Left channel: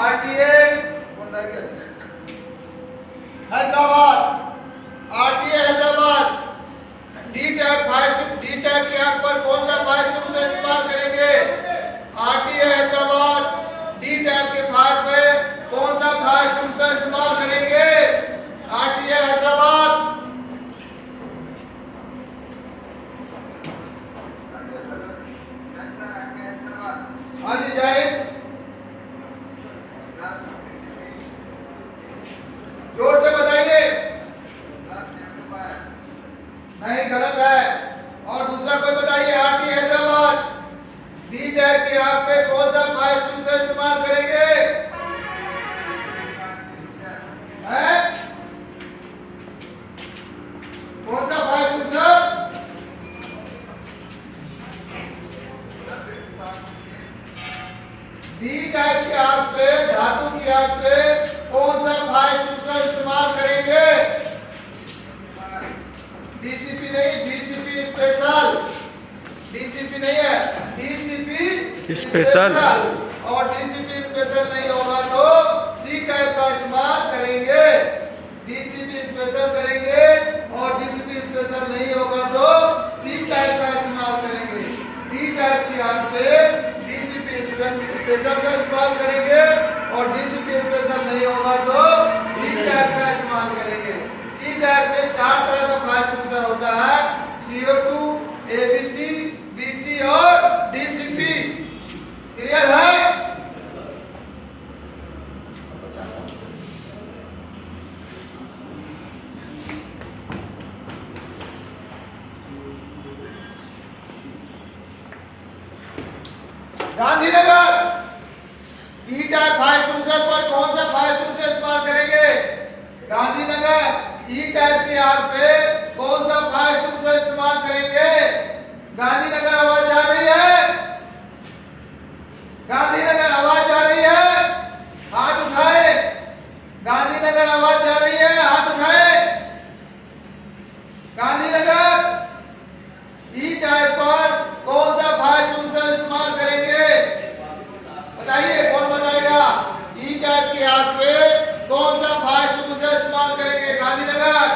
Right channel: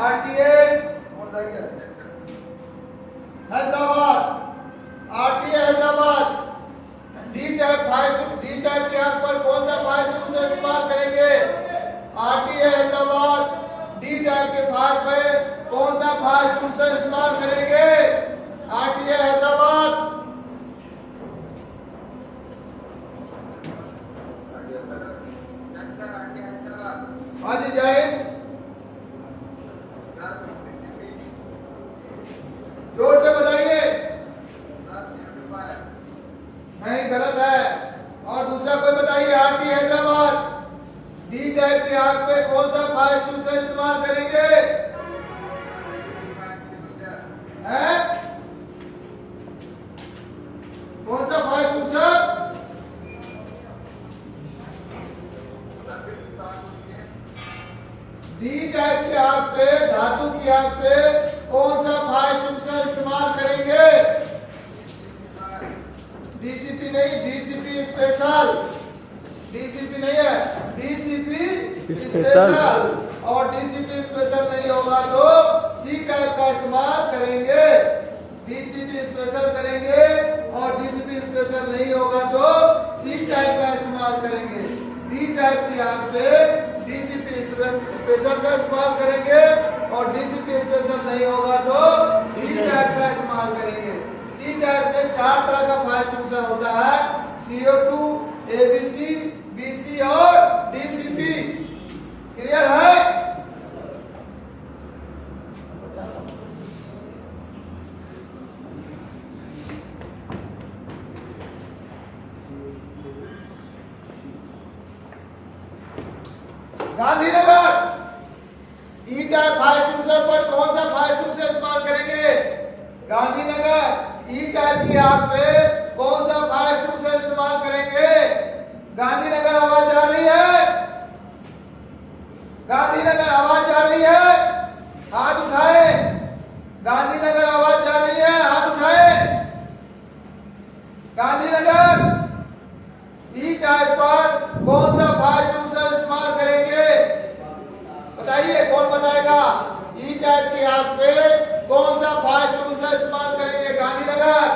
RTA Hyderabad, RTA Hyderabad. D type के यहाँ पर कौन सा फायर शुरू से इस्तेमाल करेंगे? आरटीए हैदराबाद डी टाइप के फायर पे कौन सा फायर शुरू से इस्तेमाल करेंगे? आरटीए हैदराबाद। हाँ जी जाहिद, जोर से बताइए। नहीं, गलत है। और दूसरा कोई बताइए। आरटी हैदराबाद डी टाइप की आग पे कौन सा फायर शुरू से इस्तेमाल करेंगे? है कौन सा फायर शुरू से? डी टाइप की आग पे, धातु की आग पे कौन सा फायर शुरू से इस्तेमाल करेंगे? डीसीपी नहीं, डीसीपी स्पेशल। डीसीपी नहीं है, डीसीपी स्पेशल। और डीसीपी स्पेशल नहीं होगा तो सी टाइप का इस्तेमाल करेंगे। डीसीपी स्पेशल करेंगे और डीसीपी स्पेशल नहीं होगा तो सी टाइप का इस्तेमाल करेंगे। डी टाइप की आग पे डीसीपी स्पेशल का इस्तेमाल करेंगे और डीसीपी स्पेशल नहीं होगा तो सी टाइप का इस्तेमाल करेंगे। सी टाइप में 4 तरह का फायर एक्सटिंग्विशर होता है, CO2, ABC, BC और DCP। क्लियर है? गांधीनगर ई टाइप फायर एक्सटिंग्विशर पर कौन सा फायर एक्सटिंग्विशर इस्तेमाल करेंगे? गांधीनगर ई टाइप की आग पे कौन सा फायर एक्सटिंग्विशर इस्तेमाल करेंगे? गांधीनगर आवाज आ रही है? गांधीनगर आवाज आ रही है? हाथ उठाए। गांधीनगर आवाज आ रही है? हाथ उठाए। गांधीनगर ई टाइप पर कौन सा फायर एक्सटिंग्विशर इस्तेमाल करेंगे? बताइए, कौन बताएगा? ई टाइप की आग पे कौन सा फायर एक्सटिंग्विशर इस्तेमाल करेंगे? गांधीनगर।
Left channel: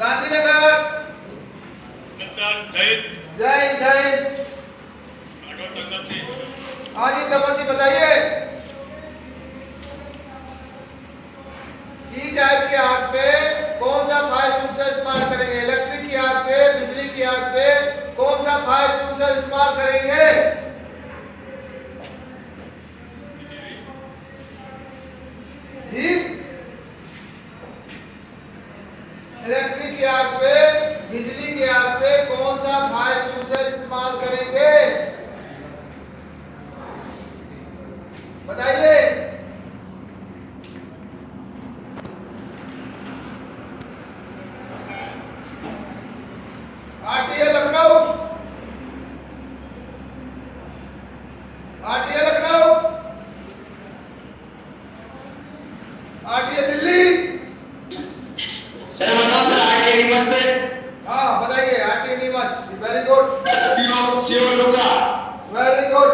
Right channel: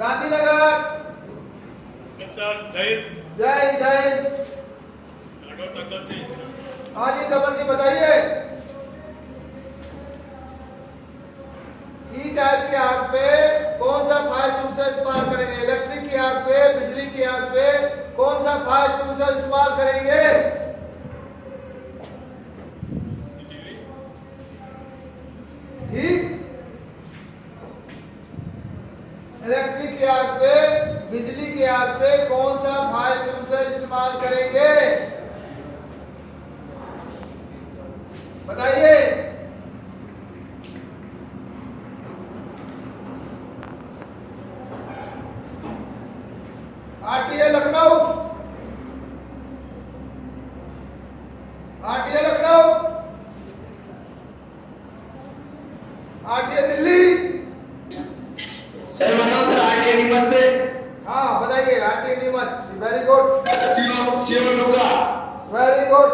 गांधीनगर। जय जय। हाँ जी कमल सिंह बताइए। ई टाइप की आग पे कौन सा फायर एक्सटिंग्विशर इस्तेमाल करेंगे? इलेक्ट्रिक की आग पे, बिजली की आग पे कौन सा फायर एक्सटिंग्विशर इस्तेमाल करेंगे? जी, इलेक्ट्रिक की आग पे, बिजली की आग पे कौन सा फायर एक्सटिंग्विशर इस्तेमाल करेंगे? बताइए। RTA Lucknow, RTA Lucknow, RTA Delhi. Sir बताओ सर, आरटीए नीमच से। हाँ बताइए। RTA Neemuch, very good. CO Dhoka. Very good.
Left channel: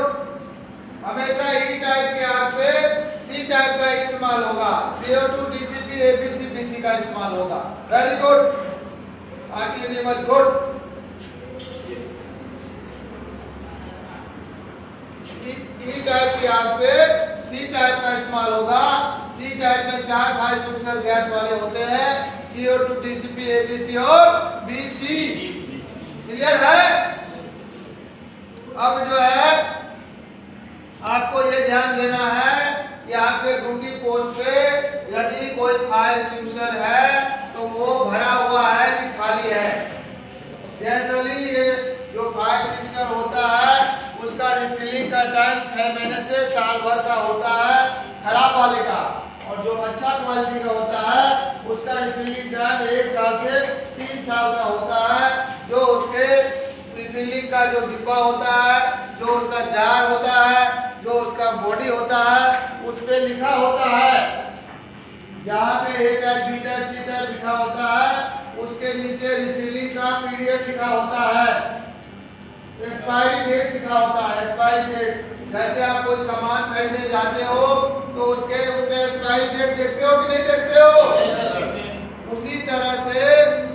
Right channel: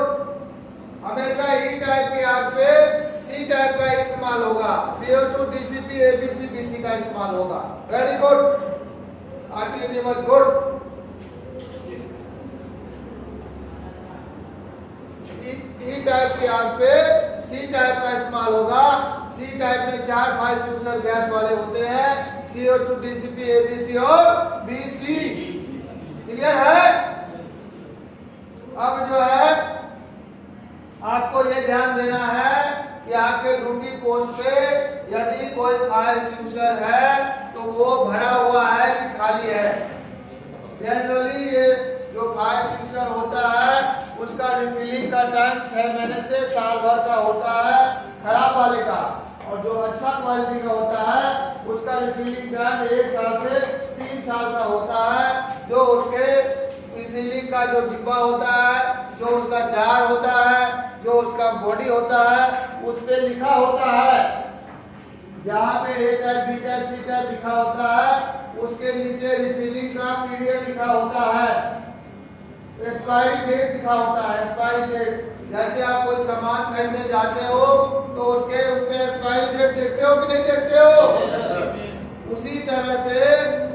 हमेशा ई टाइप की आग पे सी टाइप का इस्तेमाल होगा, CO2, DCP, ABC, BC का इस्तेमाल होगा। Very good. RTA Neemuch good. E type की आग पे सी टाइप का इस्तेमाल होगा। सी टाइप में 4 फायर एक्सटिंग्विशर गैस वाले होते हैं, CO2, DCP, ABC और BC। क्लियर है? अब जो है आपको ये ध्यान देना है कि आपके ड्यूटी पोस्ट पे यदि कोई फायर एक्सटिंग्विशर है तो वो भरा हुआ है कि खाली है। जनरली ये जो फायर एक्सटिंग्विशर होता है उसका रिफिलिंग का टाइम 6 महीने से साल भर का होता है, खराब वाले का। और जो अच्छा क्वालिटी का होता है उसका रिफिलिंग टाइम 1 साल से 3 साल का होता है। जो उसके रिफिलिंग का जो डिब्बा होता है, जो उसका जार होता है, जो उसका बॉडी होता है, उस पे लिखा होता है। जहाँ पे A type, B type, C type लिखा होता है उसके नीचे रिफिलिंग का पीरियड लिखा होता है। एक्सपायरी डेट लिखा होता है। एक्सपायरी डेट, जैसे आप कोई सामान खरीदने जाते हो तो उसके उसमें एक्सपायरी डेट देखते हो कि नहीं देखते हो? उसी तरह से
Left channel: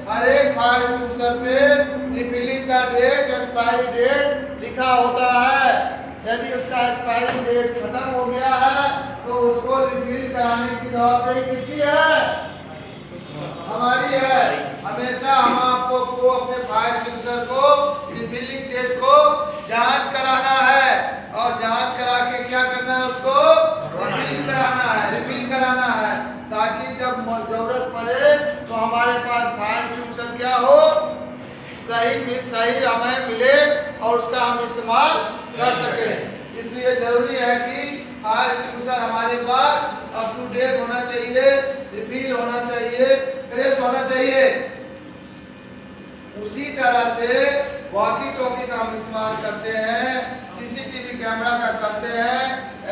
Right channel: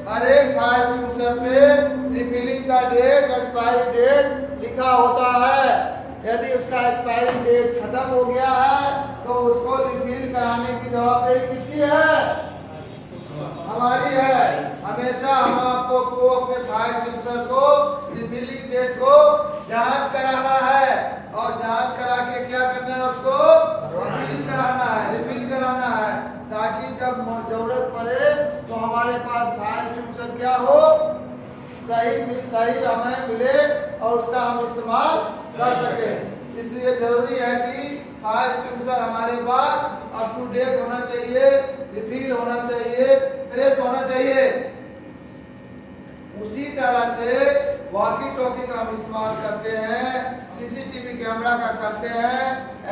हर एक फाइल चूजर पे रिफिलिंग का डेट, एक्सपायरी डेट लिखा होता है। यदि उसका एक्सपायरी डेट खत्म हो गया है तो उसको रिफिल कराने की जवाबदेही किसकी है? हमारी है। हमेशा हम आपको को अपने फाइल चूजर को रिफिलिंग डेट को जांच कराना है और जांच करा के क्या करना है? उसको रिफिल कराना है, रिफिल कराना है, ताकि जब जरूरत पड़े तो हमारे पास फाइल चूजर क्या हो? सही हमें मिले और उसका हम इस्तेमाल कर सके। इसलिए जरूरी है कि फाइल चूजर हमारे पास अप टू डेट होना चाहिए, रिफिल होना चाहिए, फ्रेश होना चाहिए। उसी तरह से वॉकी टॉकी का हम इस्तेमाल करते हैं, सीसीटीवी कैमरा का करते हैं,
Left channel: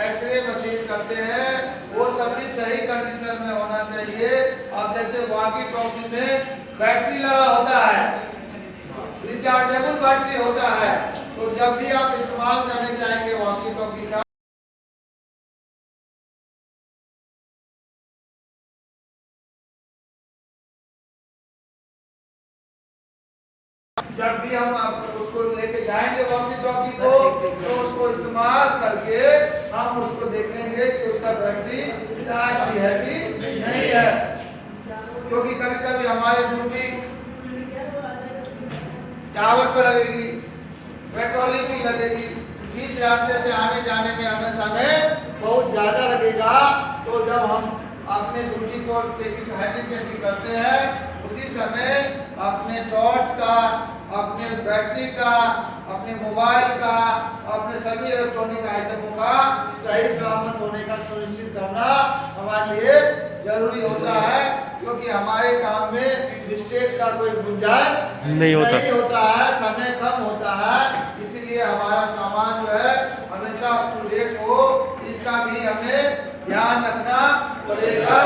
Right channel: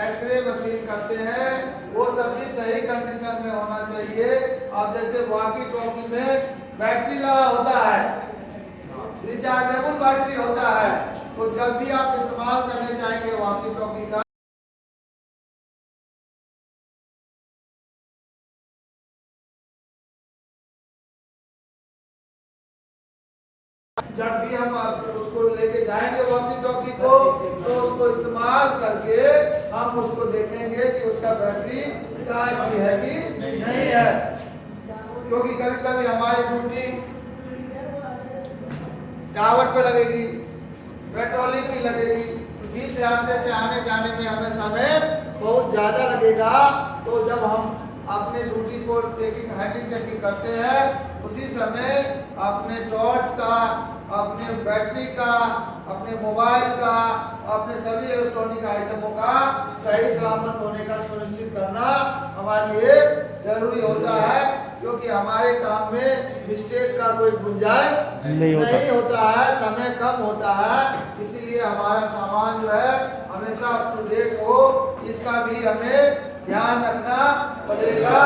एक्सरे मशीन करते हैं, वो सभी सही कंडीशन में होना चाहिए। अब जैसे वॉकी टॉकी में बैटरी लगा होता है, रिचार्जेबल बैटरी होता है, तो जब भी आप इस्तेमाल करने जाएंगे वॉकी टॉकी का, जब भी हम उसको लेके जाएंगे वॉकी टॉकी को, तो उसको इस्तेमाल करके हम उसको देखेंगे कि उसका बैटरी चार्ज भी है कि नहीं है। क्योंकि कभी कभी हमारी ड्यूटी टावर पे लगेगी, पेट्रोलिंग भी लगेगी, बीच रास्ते से आने जाने में हमें समय बहुत ज्यादा लगेगा। तो जब हम अपने ड्यूटी को चेकिंग हैंडलिंग चेकिंग करते हैं, उसी समय अपने टॉर्च का, अपने बैटरी का, अपने मोबाइल का, अपने सभी इलेक्ट्रॉनिक आइटमों का सही सलामत होने का सुनिश्चित करना हमारे लिए जरूरी होता है। क्योंकि हमारे काम में मिस्टेक का कोई गुंजाइश नहीं होता है, समय कम होता है, इसीलिए हमारा सामान जो है हमेशा अप टू डेट हो, इसका भी हमें ध्यान रखना पड़ेगा।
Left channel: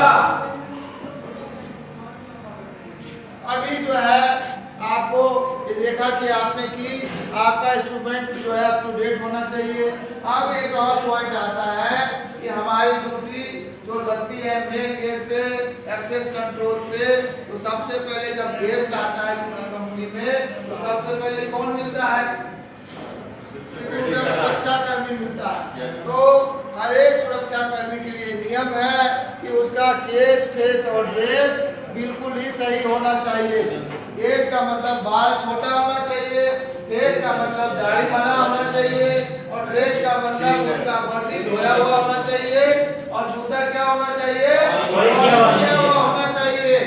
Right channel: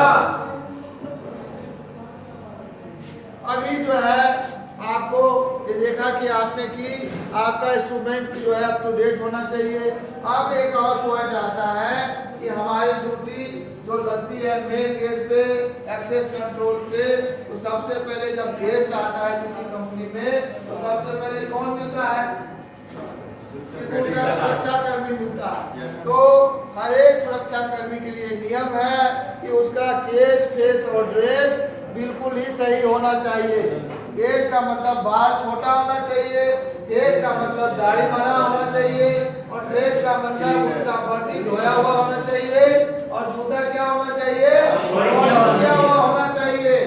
अभी जो है आपको ये देखा कि आपने कि आपका इंस्ट्रूमेंट जो है अप टू डेट होना चाहिए। अब एक और पॉइंट आता है कि हमारी ड्यूटी जो लगती है मेन गेट पे, एक्सेस कंट्रोल पे, तो सबसे पहले जब गेस्ट आता है किसी कंपनी में, तो सबसे पहले कौन मिलता है? सुरक्षा कर्मी मिलता है। तो हर एक सुरक्षा कर्मी के लिए नियम है कि उसका केस, फेस और ड्रेस बिल्कुल ही सही होना चाहिए। केस का मतलब बाल छोटा होना चाहिए, फेस का मतलब दाढ़ी बना होना चाहिए, और ड्रेस का मतलब उसका वर्दी धोया हुआ होना चाहिए, और जूता क्या होना चाहिए? किया हुआ होना चाहिए।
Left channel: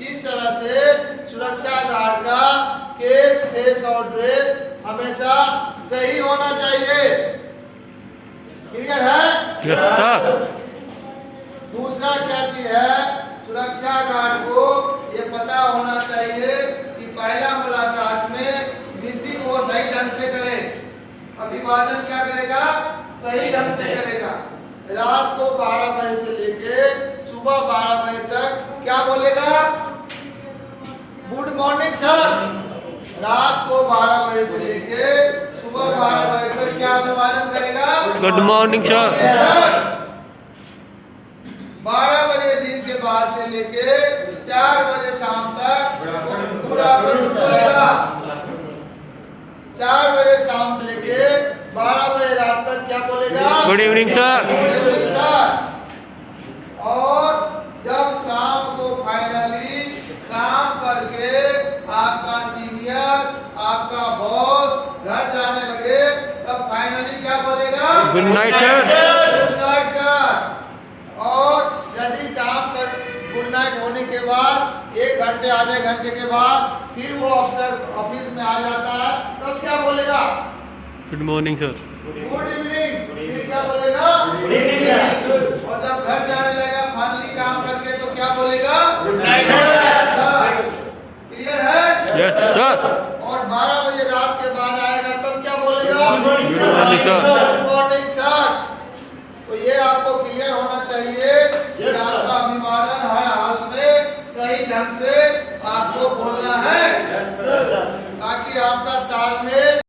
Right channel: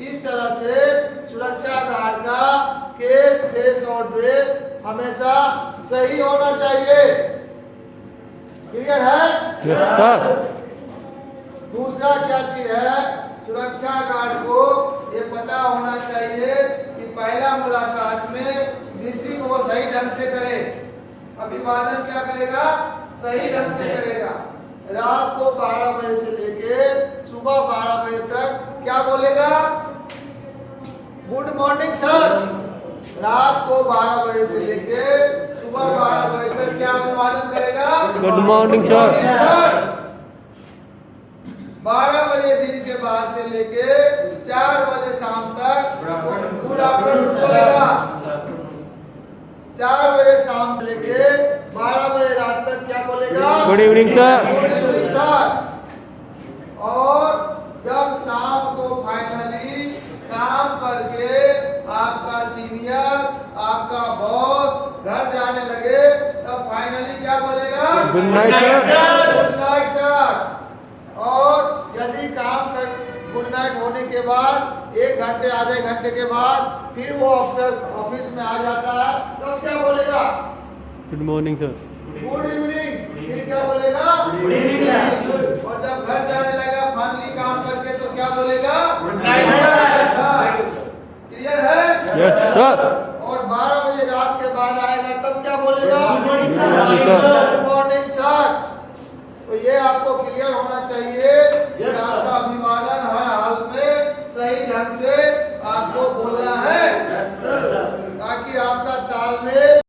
इस तरह से सुरक्षा गार्ड का केस, फेस और ड्रेस हमेशा सही होना चाहिए। क्लियर है? Yes sir. दूसरा क्या चीज है? सुरक्षा गार्ड को ये पता होना चाहिए कि पहला मुलाकात में मिसिंग वो सही ढंग से करे। अभिवादन क्या करेगा? सही ढंग से करेगा। रात को 12 बजे से लेके सुबह 12 बजे तक क्या बोलेगा? Good morning sir. रात को 12 बजे से लेके सुबह 12 बजे तक क्या अभिवादन करेगा? Good morning sir. 12 बजे दिन के बाद से लेके 4 बजे शाम तक गुड आफ्टरनून बोलेगा। 4 बजे शाम से लेके 12 बजे रात तक क्या बोलेगा? Good evening sir. Good evening sir. और जब शाम को फाइनली काम करके आपका सीनियर, आपका बॉस घर जाने लगे, तब फाइनली क्या बोलेगा? Good night sir. Good night sir. और यदि काम कर गुड नाइट होने के बाद 1 घंटे आधे घंटे के बाद फिर वो अफसर ऑफिस में आ जाता है, तब क्या बोलेगा? Good morning sir. Good evening. फिर क्या बोलेगा? Good evening. और जब घर जाने लगा फाइनली काम करके, तो क्या बोलेगा? Good night sir. क्लियर है? Yes sir. और 12 बजे रात के बाद आएगा, तब क्या बोलेगा? Good morning sir. Good morning sir. तो ये आपको क्लियर होना चाहिए कि आपका अभिवादन हर हाल में सही ढंग से आपको बोलना है, ताकि आपका तालमेल